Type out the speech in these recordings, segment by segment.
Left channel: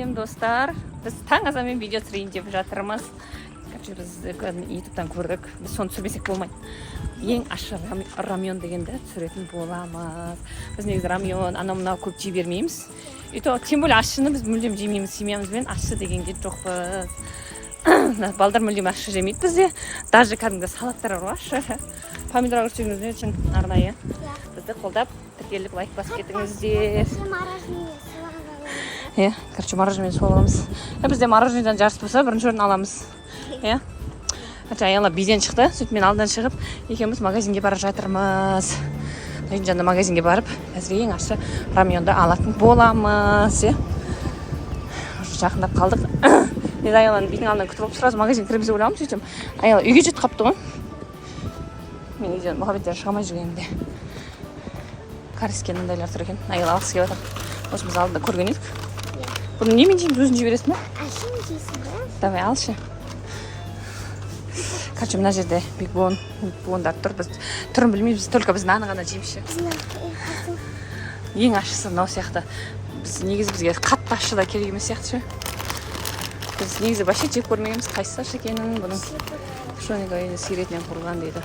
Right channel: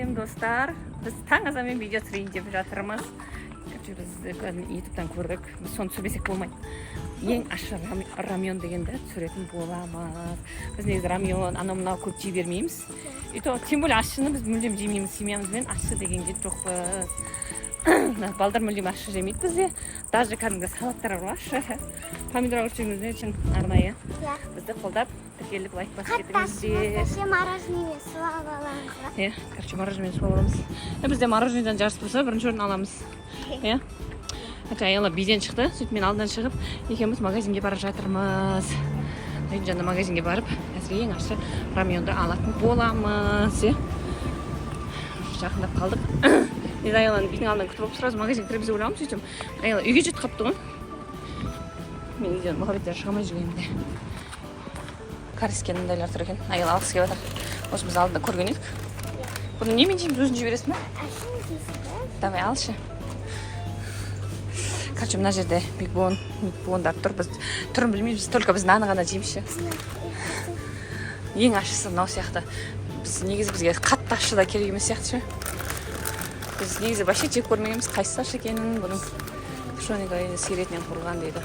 сәлем достар. Біз таң азанмен видео түсірейін деп жатырмыз. Біз ютубтан көрдік. Біз соны түсірмесек болмайды. Ең ащы рамьон дегенді түсіретін боламыз. Біз негізі рамьон, анау-мынау көп жей бермейміз. Тем более ащыны біз мүлдем жемейміз. Семьямызбен ащы дегенге жоқпыз. Балдар мүлдем ащы жемейді бізде. Даже кәдімгі салаттар бар ащы. Помидор өсіргенімізбен үшін арнайы. Бізді қолдап тіркеліп лайк басып кетіңіздер. Иә, короче, мороженое суып аламыз. Бізде мороженеден жарыс болса, бірінші орын аламыз. Иә. Аяла биден шықты, сөйтіп мен алдынан шығып, екеуміз магазинге бара жатырмыз. Жаңда магазинге барып, әзір ең ащы рамьонды алатын боламыз. Жақындап қалдық. Мен Аяланы бидің алдынан күтіп алып, сразу магазин кіреміз ойлағым, сөйтсем, Аяла үйге жетіп қапты ғой. Мен үйден мұхаббеттен шығамай жүргенімде. Карискен мұндайлар тұр екен. Аяла алғысы келіп жатыр. Осы біз алдында көрген едік. Бұны немен жейміз, өзін жібересің ба? Ашын жейсің ба? Давай, алшы. Короче, мына жерде бигбондар тұр. Біз түрін білмейміз, только біз наны ғана жеймізші. Ең ащысы мынау сияқты. Біз негізі бізге қатты ащы да керек емес сияқты ше. Біз негізі вообще жеп көрмегенбіз, қайсысы ащы екенін, бұның пшеника сиыр етінен құрылған дейді.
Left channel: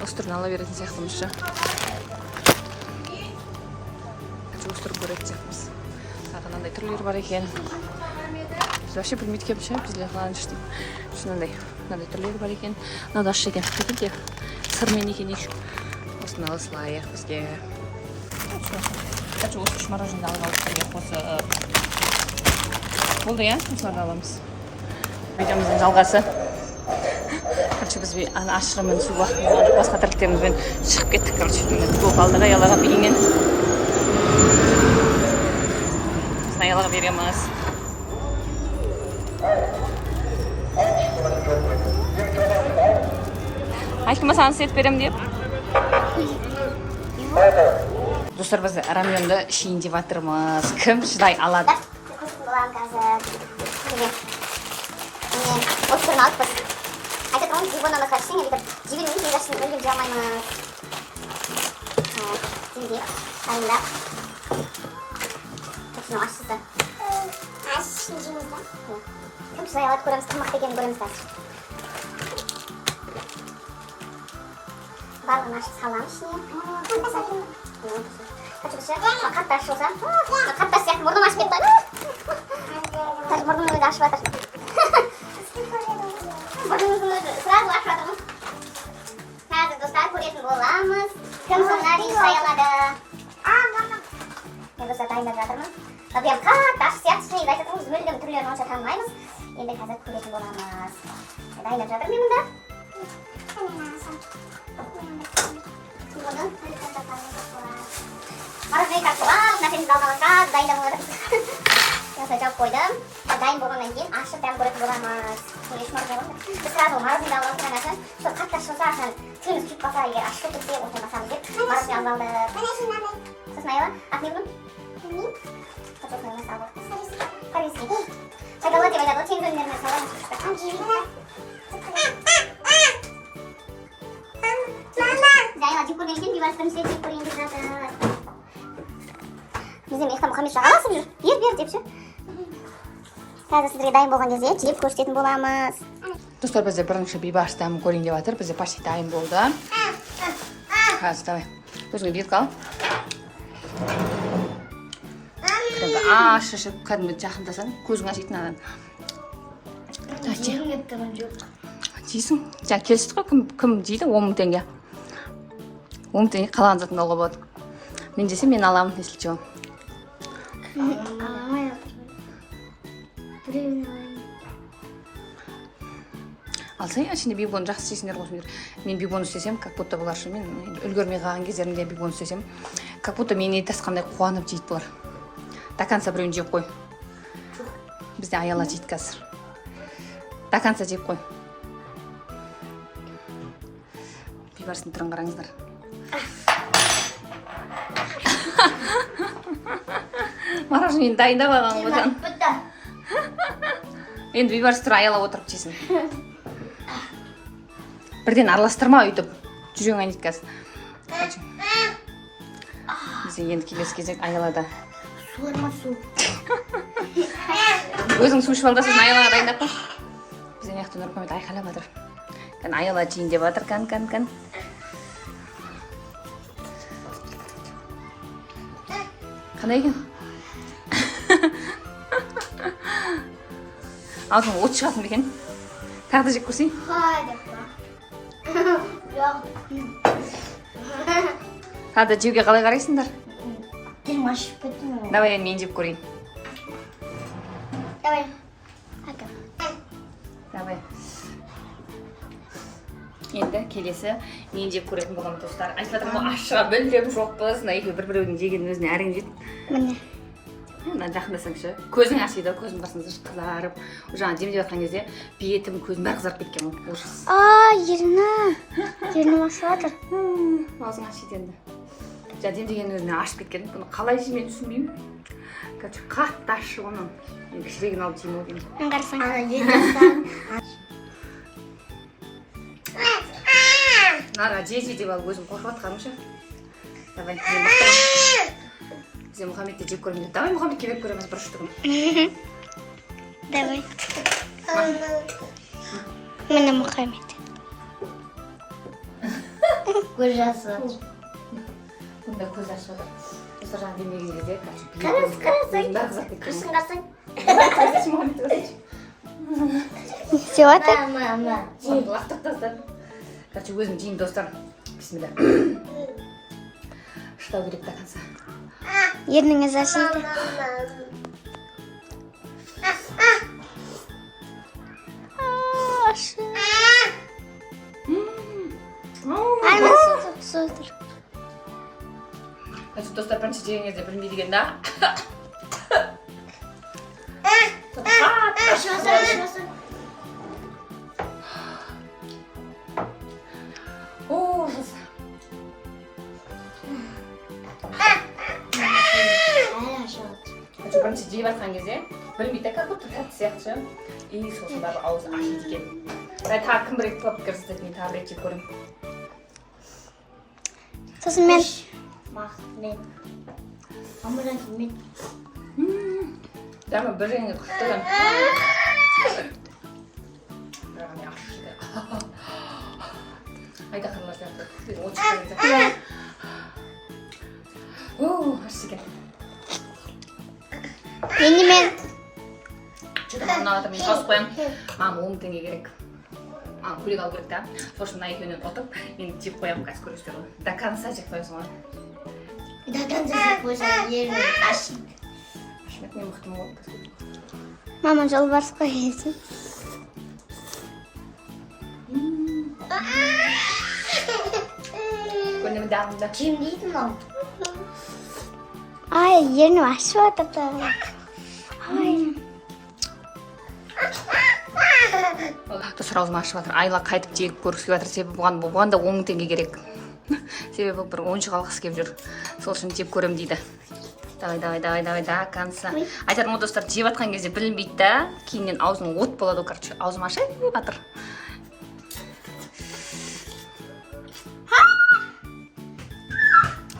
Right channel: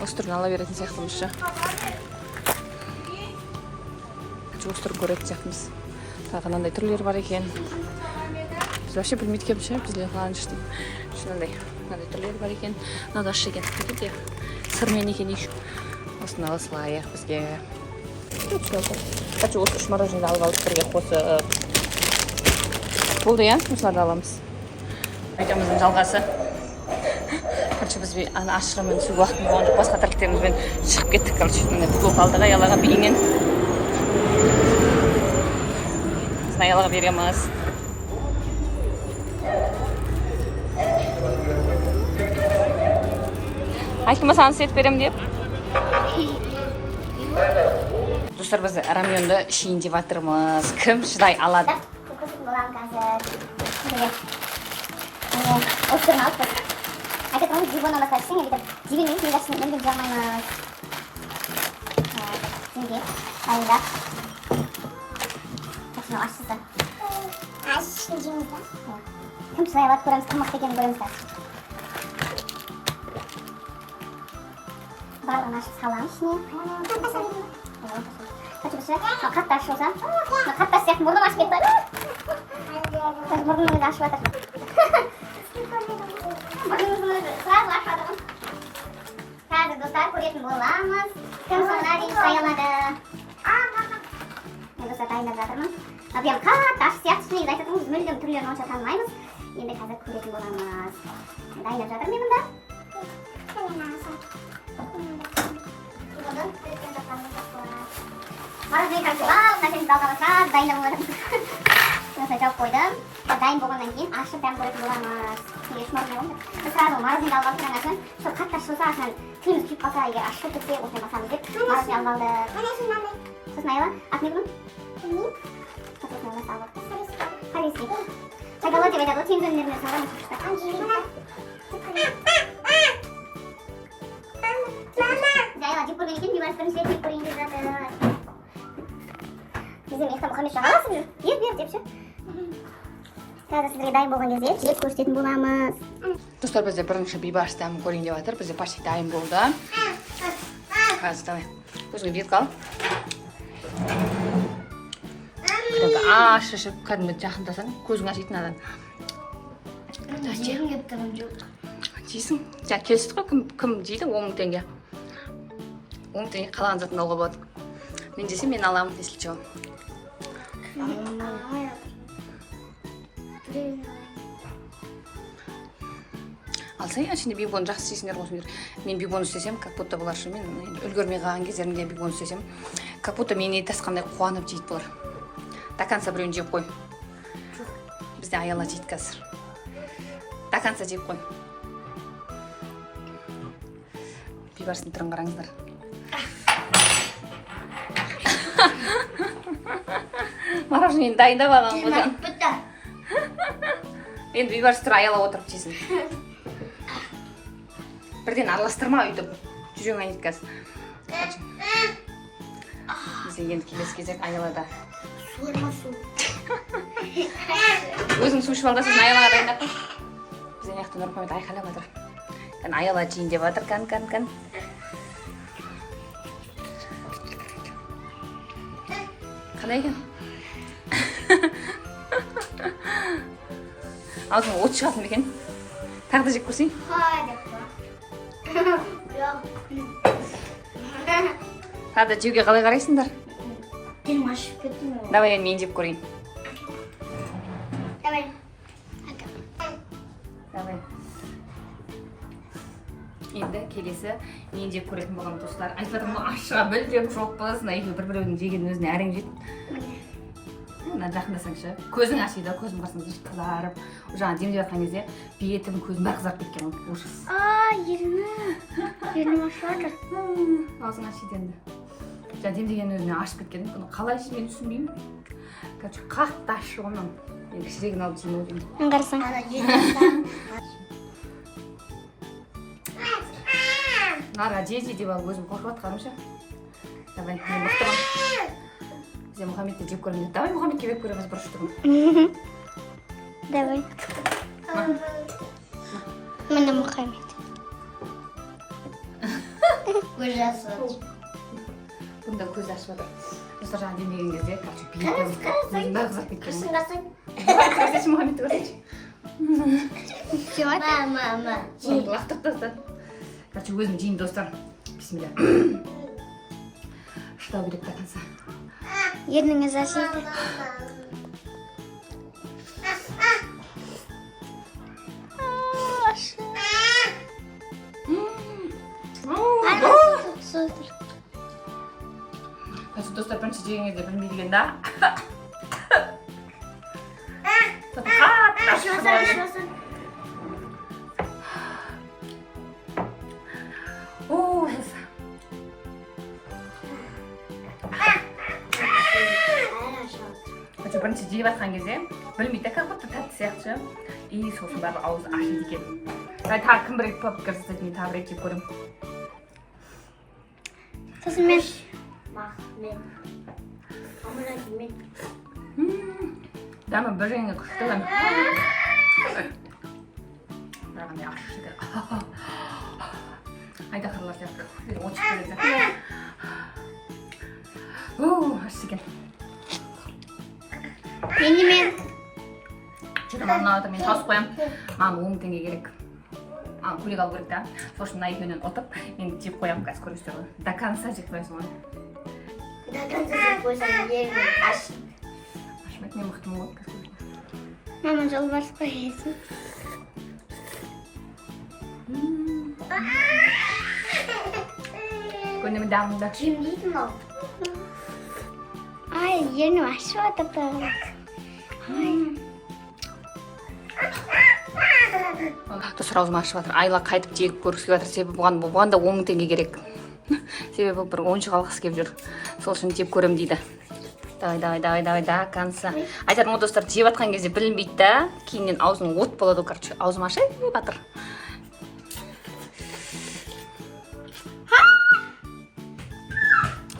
Осы түрін ала беретін сияқтымыз ше. Осы түрін көретін сияқтымыз. Қандай түрлері бар екен. Біз вообще білмейді кеп ше, бізде қалған жүштім. Мынандай түрлері бар екен. Мынау ащы екен. Кетеді сырмен екен еш. Осыны алысылайық бізге. Осы үш мороженое алып алып бірге қосып. Болды иә, осыларды аламыз. Видеомыздың жалғасы. Короче, біз ашығымен су уақытын болғандық басқа тірліктерімізбен шығып кеттік. Короче, көп алдыға Аялаға бейінен. Біз Аялаға береміз. Айттым ба саған сет берем деп? Достар, біз рамьонды ішейін деп жатырмыз. Кім шыдай алады? Осы түрін алып біз. Айтып тұрмыз, дивонына қаршың, елдер дивеніміз негашын мүлдем жамаймыз. Деңге, дайында. Қашын ашсызды. Ашсын жеміз ба? Кім шыдай алады көреміз, қымақты екенін көреміз қазір. Барлығын ашып саламыз ішіне. Қатты ашып болса, қатты ашып сияқты мұрным ашып кетті. Қазір мұрным өзі ашып жатыр. Мұрнымыздың өзі сразу ашып жатырмыз. Қазір достар көретін боламыз. Кім сценарий даялады. Мен достар дайындап жатырмын. Прям қатты ашып сияқты ішіне айтып тұрмыз, мүлдем түрлерін онша танымаймыз. Енді қазір көретін боламыз. Дайындап жатырмын мен мұнда. Мороженое қашып мәселен балаларға дайындап болғанымыз. Осылай жауып қойдым. Дайын болғаннан кейін ашып дәм көретін боламыз. Еш мороженое болмайды. Біз сразу мороженое алып алып тұрған ашын. Сол қатты ашып болса ашынан тіліміз күйіп қалса, егер ашып кетсе осылай басамыз деп мороженое алып алдық. Сосын Аяла, аты не бұның? Білмеймін. Сосын Аяла салып. Кариский. Пайдалы деп айтады ғой, теңіз өнімдерінен салған. Аяла жеп көрген екен, бейбарыстырын сілеп жеп көрген деп жатыр. Бізде мектеп Мұхаммед жағаласып жүр. Бер депші. Қазір сіздерге дайын болған кезде жеп көрсететін боламыз. Достар, бізде бірінші бейбарыс дәмін көрейін деп жатыр. Бізде почти дайын болды. Қазір давай. Өзіңе бет қал. Кәдімгі ашып, кәдімгі жақындасаң, көзің ашитын адам. Жегім кеп тұрғым жоқ. Жейсің? Жаңа келістік қой, кім жейді? 10 мың теңге. 10 мың теңге қалаған затын алуға болады. Мен жесем, мен аламын, если что. Алсай, сенде бигбон жақсы істесіңдер қосыңдер. Мен бигбон істесем, как будто бұлар шу, мен үлгермей қалған кездерінде бигбон істесем, как будто мені тасқандай қуанып жейді бұлар. До конца біреуін жеп қой. Бізде Аяла жейді қазір. До конца жеп қой. Бейбарыстың түрін қараңыздар. Мороженое дайындап алған ғой. Енді бейбарыс түрі Аяла отырып жесін. Бірден араластырма өйтіп. Жүрегің айнет қазір. Бізде енді келесі кезек Аялада. Суырма су. өзің су ішіп алда сосын аялаға дайындап қойшы. Біз ана жақта Нұрмұхамед айқайлап жатыр. Кән аяла жейін деп жатыр, кән. Қандай екен? Аузың от шығатын екен. Тағы да жеп көрсейін. Тағы да жеуге қалай қарайсыңдар? Давай мен жеп көрейін. Давай. Енді келесі мен жеп көретін болған достар. Айтып жатырмын ғой, ашыға білдірем жоқпыз. Мына екеуі бір-біреудің жегенін өзіне әрең жейді. Мына жақындасаңшы. Көзің ашиды, көзің қарасаңызшы қызарып. Жаңа демдеп жатқан кезде бетім, көзім бәрі қызарып кеткен ғой. Ужас. Ернім ашып жатыр. Аузың ашиды енді. Жаңа демдеген өзіне ашып кеткен. Бұны қалай жеймін түсінбеймін. Қазір қатты ащы оның. Енді кішірегін алып жеймін деймін. Қарасаң. Нара жей деп алып өзім қорқып жатқанымша. Давай, мен мықтымын. Бізде Мұхаммедті жеп көрмейді. Давай Мұхаммедке беріп көреміз бір үштігін. Давай. Міне Мұхаммед. Көз жасып. Бұнда көз ашып жатыр. Осы жаңа демеген кезде бетім, көзім бәрі қызарып кеткен. Қарасаң. Көрсетші Мұхаммедті көрсетші. Жеп жатыр? Лақтырып тастады. Короче, өзім жейін достар. Бисмилля. Шыдау керек до конца. Ерніңіз ашиды. Ашы. Айна су тұр. Короче, достар бірінші жеген кезде білмейді екен да. Ужас. Бірінші жеп жатқан кезде білмейді, как будто тәтті сияқты. И сосын бәрі аузы ашиды екен. Тағы кім бір рет пікір жасайды, мен тағы бір рет жеп көремін. Сосын мен. Дәмі бір реңі күшті. Бәрі ашшы екен. Айдақырлар сияқты. От шыққан сияқты. Ашшы екен. Енді мен. Жүрім мына мен тауысып қоям. Маған 10 теңге керек. Маған көйлек алу керек та. Сосын мына екеуінен ұтып, мен жеп қоям, қазір көресіздер ғой. До конца жеп қоясың ғой. До конца жеп қойсаң ернің ашиды. Ашымайды, мен мықтымын ғой. Мама жолбарысқа келсін. Көңілім дамында. Жем дейді мынау. Ай, ернім ашып жатыр. Достар аузым ашып жатыр. Айла қайтып жегіп көргісі жатыр. Себебі бұған да 10 теңге керек. Себебі бір ойыншық алғысы келіп жүр. Сол үшін жеп көрем дейді. Давай, до конца. Айтарым ғой достар, жеп жатқан кезде білінбейді да. Кейіннен аузың от болады, короче. Аузым ашып жатыр.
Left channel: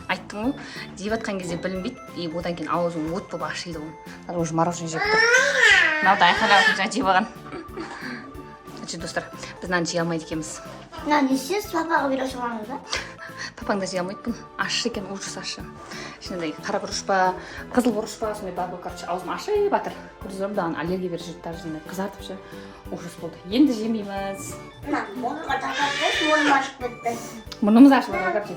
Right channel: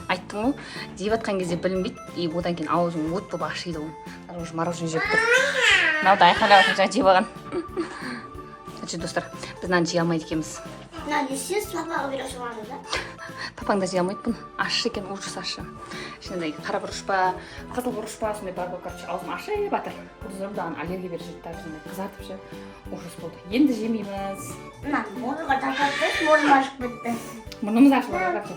Айттым ғой, жеп жатқан кезде білінбейді. И одан кейін аузың от болып ашиды ғой. Уже мороженое жеп тұр. Мынау да айқайлап жатыр, жаңа жеп алған. Достар, біз мынаны жей алмайды екенбіз. Мынаны сіз папаға бере саламыз ба? Папаң да жей алмайды бұны. Ащы екен, ужас ащы. Ішінде қара бұрыш па, қызыл бұрыш па, сондай бар ғой, короче, аузым ашып жатыр. Көрдіңіздер ме, даған аллергия беріп жүрді, даже қызартып ше. Ужас болды. Енді жемейміз. Мына мұрынға тақап тұрып, мұрным ашып кетті. Мұрнымыз ашылады, короче.